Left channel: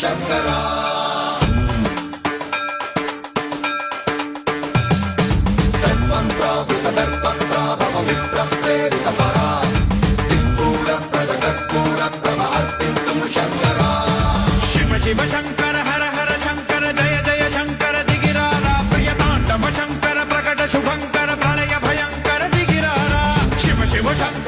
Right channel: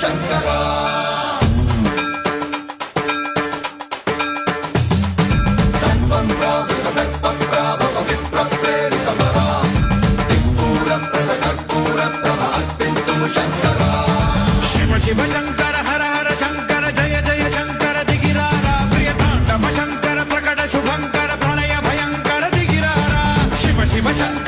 శంకర సర్వం ప్రావృత దర్ప ప్రాభవ విప్ర ప్రేరిత పరా దిక్పూర ప్రద కర్పూర ప్రభ అర్పింతుము శంకర శివ శివ శంకర హర హర శంకర జయ జయ శంకర దిగిరారా ప్రియతాండవ శంకర ప్రకట శుభంకర ప్రళయ భయంకర దిగిరారా శివ శివ శంకర